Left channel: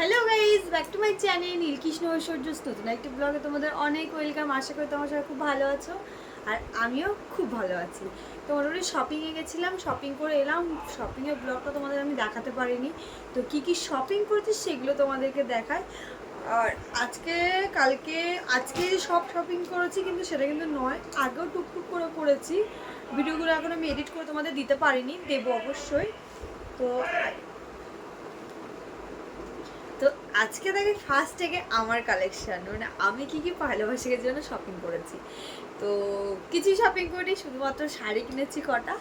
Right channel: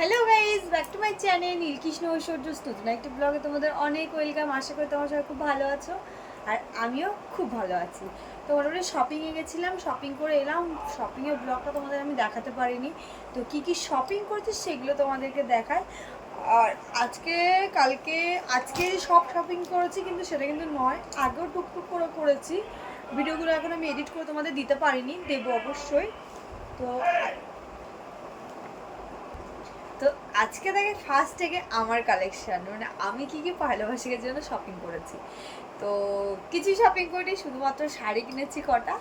Hello guys, back to my channel Neelkrishna Aishwarya নতুন একটা ব্লগে তোমাদের অনেক ওয়েলকাম। আশা করি তোমার সবাই খুব ভালো আছো আর আমিও খুব ভালো আছি। তো মোটামুটি শপিংয়ে গেছিলাম, শপিং করে এলাম। শপিংয়ের ব্লগটা তোমাদের আমি দেখাতে পারিনি, তো কি কি শপিং করেছি সেগুলো তোমাদেরকে দেখায়। আর আজকে সব শপিং করেছি, কিন্তু সেটা কিন্তু নয়, আগেও টুকটুক করে করেছি। ভিডিওগুলো এখন আমি এডিট করে তোমাদের দিতে পারিনি, দেবো অবশ্যই। তো তো আজকে দেখে ফার্স্ট থেকে আমার কালেকশন, মানে আমি কি কি পয়লা বৈশাখের জন্য শপিং করেছি। তো কিছু শপিং করিনি, শুধুমাত্র শাড়ি কিনেছি কটা,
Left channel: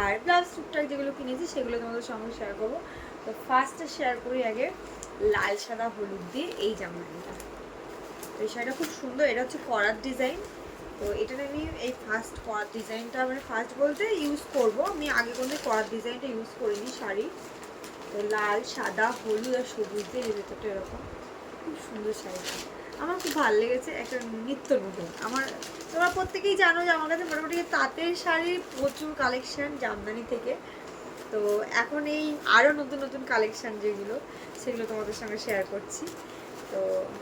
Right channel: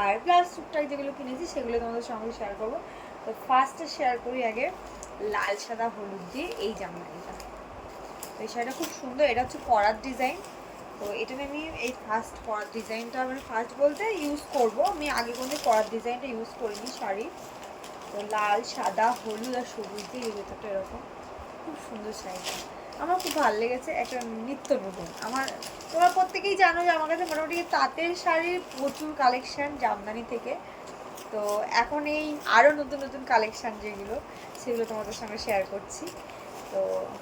আর ব্লাউজ টুকটাক যেগুলো কিনেছি সেগুলো তোমাদের সঙ্গে শেয়ার করবো। তো ফার্স্টে শেয়ার করি আগে লাল সাদা হলুদ দিয়ে এই জামদানিটা। তো এই শাড়িটা খুব সুন্দর, এটা হচ্ছে করার ডিজাইন। তো এটা আমি এই ফার্স্ট করার ডিজাইনটা, মানে ফার্স্ট বলতে ইউজ করব, আমি আগে কোনো করার ডিজাইনটা ইউজ করিনি শাড়ি। তো লাল সাদা হলুদ আর সবুজ দিয়ে ভেতরটা এরকম, খুব সুন্দর শাড়িটা, আমার খুব ভালো লেগেছে। একটা নিত্য নতুন, আমার তোমরা প্রত্যেকেই জানো যে আমার কাছে মোটামুটি তাঁতের শাড়ির প্রচুর কালেকশান জামদানি থেকে। তো এখন এই আরও নতুন নতুন কালেকশান যেগুলো, সেগুলো তোমাদের সঙ্গে শেয়ার করছি। তো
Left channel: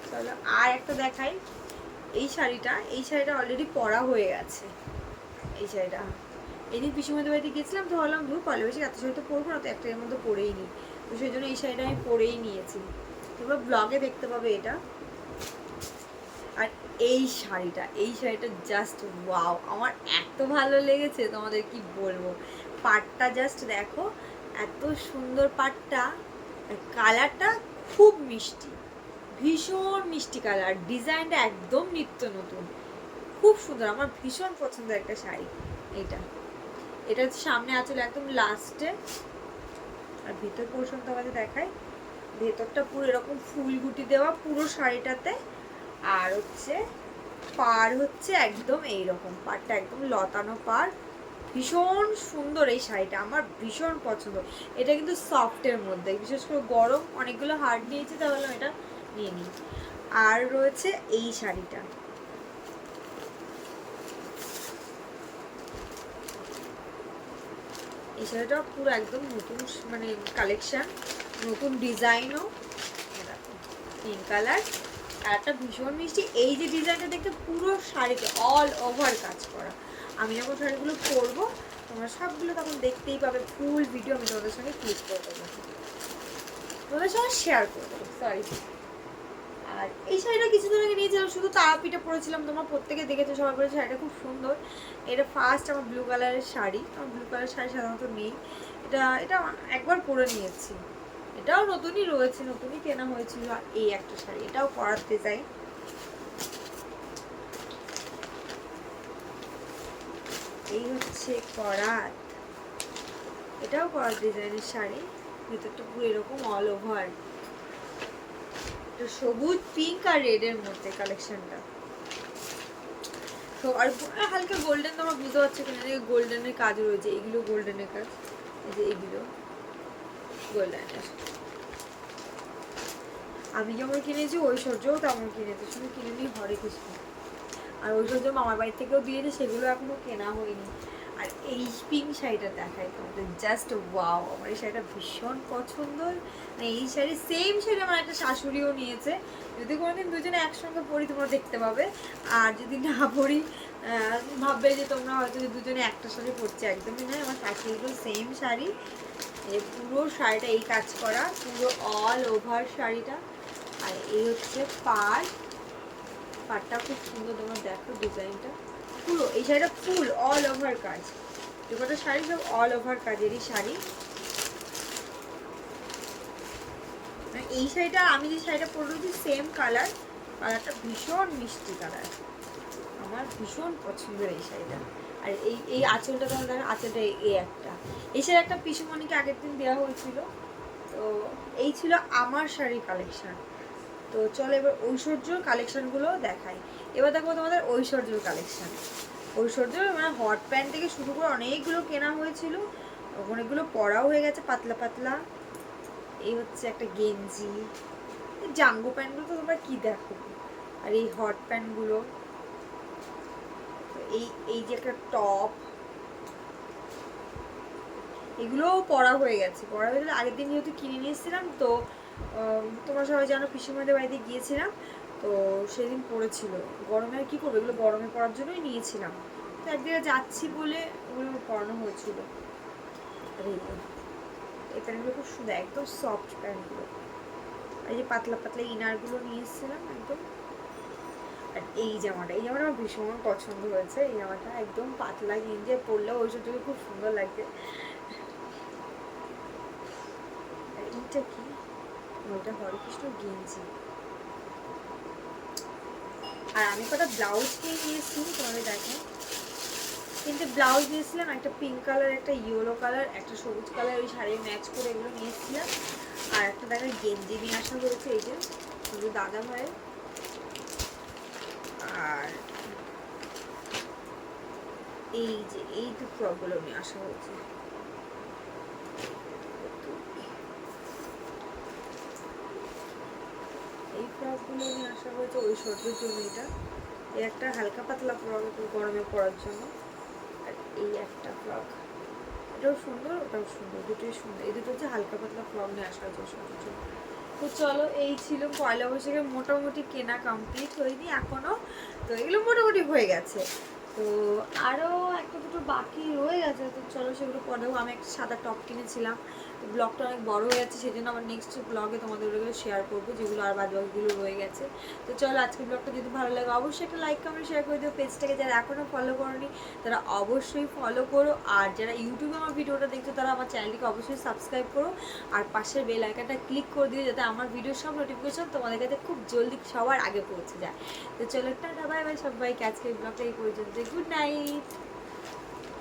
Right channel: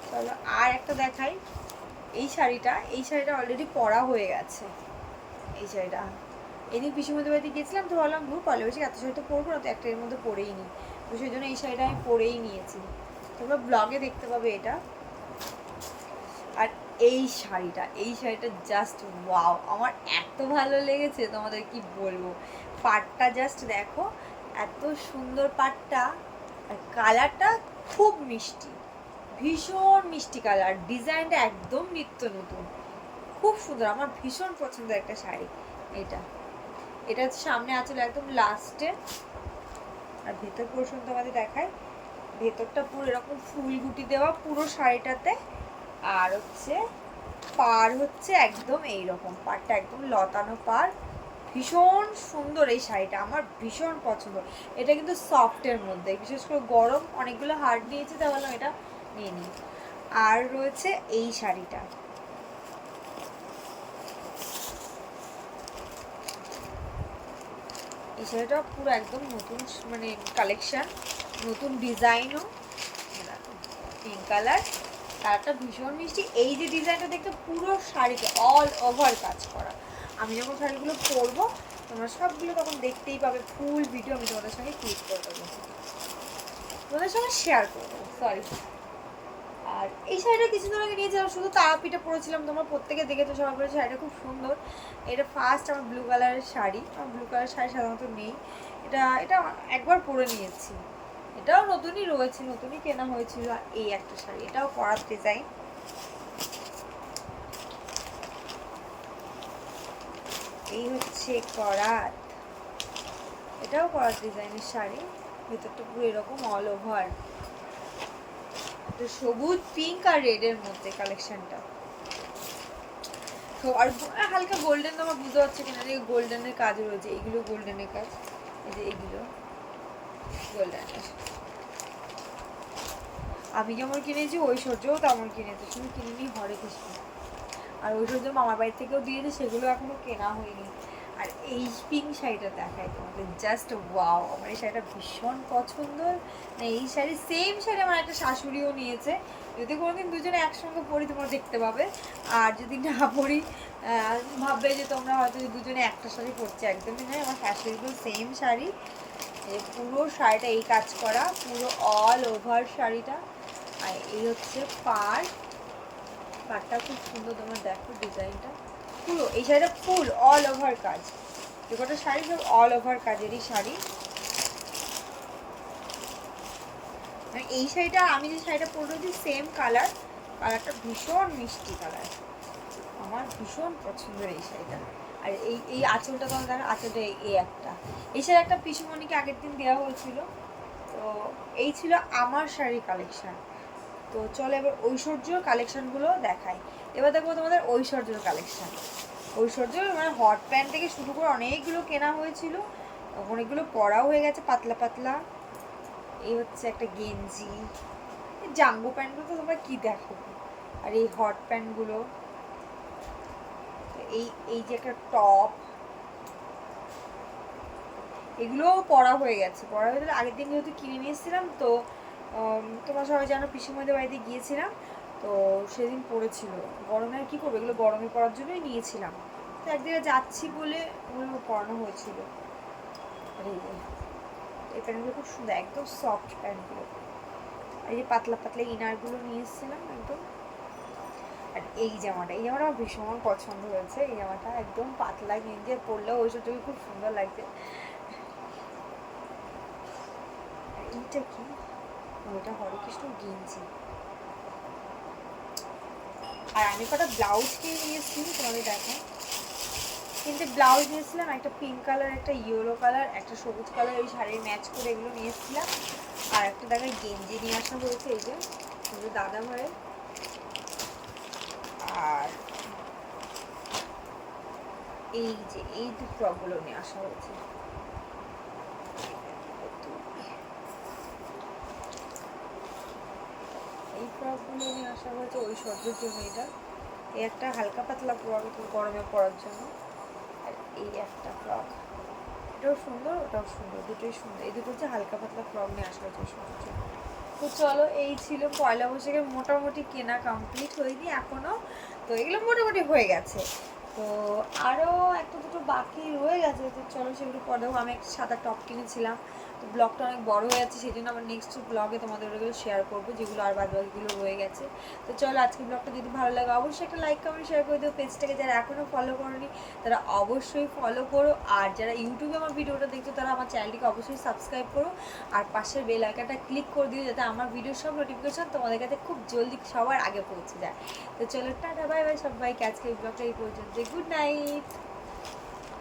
চলো আর একটা দেখাই। এই শাড়িটা অলরেডি পরা হয়ে গেছে। এই শাড়িটা এদিন পিসিমণিদের বাড়িতে গেছিলাম, তো ভাবলাম ধূর পয়লা বৈশাখ এত শাড়ি তো পরবো না, তো একটা এর মধ্যে পরেই নিই। তো সেই জন্য এই শাড়িটা আমি পরেই নিয়েছি, তোমরা ব্লগে দেখতে পাবে এটা। আর এই শাড়িটা জাস্ট ওয়াও, আমার এত ভালো লেগেছে, তোমাদের কি বলবো। পাটটা জাস্ট দেখো, এত সুন্দর পাটটা, আর কালারটা খুব মিষ্টি, ভীষণ মিষ্টি কালার, ডিজাইনটা একদম নিত্য নতুন, খুব সুন্দর, আমার ভীষণ পছন্দের একটা শাড়ি এইটা। এটা হচ্ছে সামনে আঁচল একদম লাস্টে, আর ভেতর পোর্শন তোমাদের দেখায়। ভেতরটা পুরো এরকম ফুল গুটি দেওয়া পুরো শাড়িটাতে, আর হচ্ছে পাড় হচ্ছে একদম এইরকম, পাড়টা একদম লতানো পাড়, ভীষণ সুন্দর এই শাড়িটা, আমার ভীষণ পছন্দ। এটা কিন্তু সফটের মধ্যে, বিশেষ করে গরম অনেকগুলো হার্ড নিয়েছি, তাহলে এটা নিয়ে নিই। আর রয়েছে এই শাড়িটা, এই শাড়িটা পুরো একদম নতুন, মানে কালেকশান, নতুন ডিজাইনও। দেখো পিঙ্ক কালার, কালারটা ভীষণ মিষ্টি। এই যে ডিজাইনটা দেখতে, পুরো শাড়িতে অল ওভার কাজ করা। আমি যখন শাড়িগুলো পরবো তোমরা সবগুলো তখন দেখতেই পাবে, ফুল ভিডিও আমি তোমাদের সঙ্গে ক্লিক করে দেবো, তোমাদের সঙ্গে শেয়ার করে দেবো, সরি। আর এই শাড়িটা কিছুদিন আগে নিয়েছিলাম, শুধু তারাপিঠা পরেছিলাম, তোমরা প্রত্যেকে দেখেছো সবার পরে, শাড়িটা খুব সুন্দর। এটা ফার্স্ট আমার ব্লু কালারের শাড়ি, আমার ব্লু কালারের শাড়ি সাধারণত নেই, এটা এটা একবার পরে নিয়েছি। এটাও নতুনই রয়েছে, নতুনই কেনা হয়েছিল। আর এই একটা শাড়ি, এটাও করার ডিজাইন, এই হচ্ছে করাত, এটাও করার ডিজাইনের শাড়ি, ভেতরটা পুরো এরকম অল ওভার, সবুজ পিঙ্ক আর রেডের মধ্যে কালেকশনটা। তো আর হালকা গোল্ডেন, তোমার বুঝতে পারছো কিনা, গোল্ডেনের কাজ রয়েছে, এইগুলো গোল্ডেনের কাজ, এই যে এইগুলো গোল্ডেনের। আমি যেমন কিনেছি ঐশ্বর্যও তেমন কিনেছে, শুধু কিনে নিই হরে কৃষ্ণ। আর ঐশ্বর্য মামার বাড়ি থেকেও দিয়েছে, সেগুলো এখনো কেনা হয়নি। আর এই পিঙ্ক শাড়িটা দেখাই তোমাদের, জাস্ট ওয়াও, আমার এই শাড়িটা ভীষণ পছন্দ। মানে এই শাড়ি, সেম শাড়ি আমার একটা শাশুড়িও নিয়েছে, যদি কোনোদিন দুজনে একসঙ্গে পরি তোমরা দেখতে পাবে। আর যদি না পরি ভাববে যে তোমরা হয়তো যে দুজনে একটা শাড়ি পরছে, একদমই নয়, আমার শাশুড়িরও সেম শাড়ি। এই পুরো শাড়িটা এই কাজ করা, পুরো অল ওভার শাড়িটা। আর এই হচ্ছে পাড়টা খুব সুন্দর, তোমরা দেখো ডিজাইনটা, পুরো এই শাড়িটা ফুল অল ওভার কাজ, যে কটা শাড়ি সব অল ওভার কাজেরই শাড়ি। এই শাড়িটা, আমি যে শাড়িটা পরে রয়েছি সেম কালার, কালারটা ভীষণ মিষ্টি কালার, আমার ভীষণ পছন্দের এই শাড়িটা। আর এই এই আঁচলটা তোমার দেখো, আঁচলটা এই একটা, এই শাড়ি একটা পিসুমণিকে আগের দিন দেওয়া হয়েছিল। তো এই ছিল আমার শাড়ি কালেকশান। তো চলো এবার ঐশ্বর্যর কালেকশানগুলো দেখাই। এবার দেখবো তোমাদের ঐশ্বর্যর কালেকশান। ঐশ্বর্যর মানে হট প্যান্ট থেকে শুরু করে অনেকগুলো কেনা হয়েছিল, অনেকগুলো পরাও হয়ে গেছে পাতলা পাতলা। এই হচ্ছে একটা গেঞ্জি, জাঙ্গো প্যান্টগুলো তো তোমরা কি দেখো, আর এই হট প্যান্টগুলো, এই এই যে একটা টপ, এগুলোও পরা হয়ে গেছে, পরা হয়ে গেলে আগের দিন যেহেতু কিনে নিয়ে এসেছিলাম, তো ঠাকুরমশাই হয় যেন পিসিমদের বাড়িতে গিয়েছিলাম, তো সেদিন পড়েছিল। গরমে আর কী করবো, এগুলো গরমে পরার জন্যই নিয়েছিলাম। তো একদিকে যাচ্ছি বলে ওগুলো পরানো হয়েছিল। আর এই প্যান্টগুলো খুব সুন্দর, একদম সফট প্যান্টগুলো। আর এই যে পাতলা পাতলা ইনারগুলো নিয়ে এসেছিলাম একদম। আর এই জামাটা আমার ভীষণ পছন্দ হয়েছে। এই জামাটা একদম পাতলা গেঞ্জি পরলেও ওই থেকে খুব সুন্দর লাগছে। আর এইটা কি, ওইটা হরেকৃষ্ণ গেঞ্জি। আর আমি কটা ব্লাউজ কিনে নিয়েছি, তোমাদের দেখেন। কিন্তু ব্লাউজ নিয়েছিলাম একটা পিঙ্ক কালার, একটা ইয়েলো কালার, একটা সবুজ কালার, ওই শাড়ির ম্যাচ করে এগুলো নিয়েছিলাম। আর একটা দেখা গেঞ্জি নিয়ে আসা হয়েছে, এই যে দাদা ভাইয়ের। আর এই যে এই দু ফ্রকগুলো নিয়ে আসা হয়েছে। এই ফ্রকগুলো নিয়ে আসা হয়েছে ওই সর্দের জন্য। এটা এই একটা হালকা পাতলা ফ্রক, একটু গরমে পরার জন্য। আর এই একটা ফ্রক, এটাও সুন্দর ওটাও সুন্দর, দুটোই সুন্দর। এই দুটো হচ্ছে হালকা পাতলা ফ্রক নিয়ে আসা হয়েছে সর্দের জন্য। তো চলো, এই ছিল পয়লা বৈশাখে মোটামুটি কেনা কমপ্লিট হয়নি এখনও, তো এগুলো মোটামুটি হয়ে গেছে। তো আরও একটা দুটো বাকি রয়ে গেছে, তো চলো সেগুলো পরে দেবো। আমি একটা সাদা টপ কিনেছিলাম, তো ব্লগটা অনেক বড় হয়ে যাচ্ছে, সেই জন্য আমার নেক্সট ব্লগে তোমাদের ওগুলো শেয়ার করবো, যেগুলো আর বাদ বাকিগুলো রয়ে গেছে। তো চলো, আজকের ব্লগটা যদি ভালো লাগে অবশ্যই একটা লাইক কমেন্ট শেয়ার করে দিও। পেজটাকে যারা এখনও ফলো করোনি তারা অবশ্যই ফলো করো। আর যারা ইউটিউবে আমার ভিডিওটা দেখছো তারা আমার চ্যানেলটিকে অবশ্যই সাবস্ক্রাইব করো। আর পাশের বেল আইকনটা ক্লিক করে দিও, যাতে আমার ভিডিওর সব নোটিফিকেশন তোমাদের কাছে খুব জলদি সবার আগে পৌঁছে যায়। তো চলো, টাটা বাই বাই সবাইকে। আজকে এই ব্লগটা এই পর্যন্ত। Good night.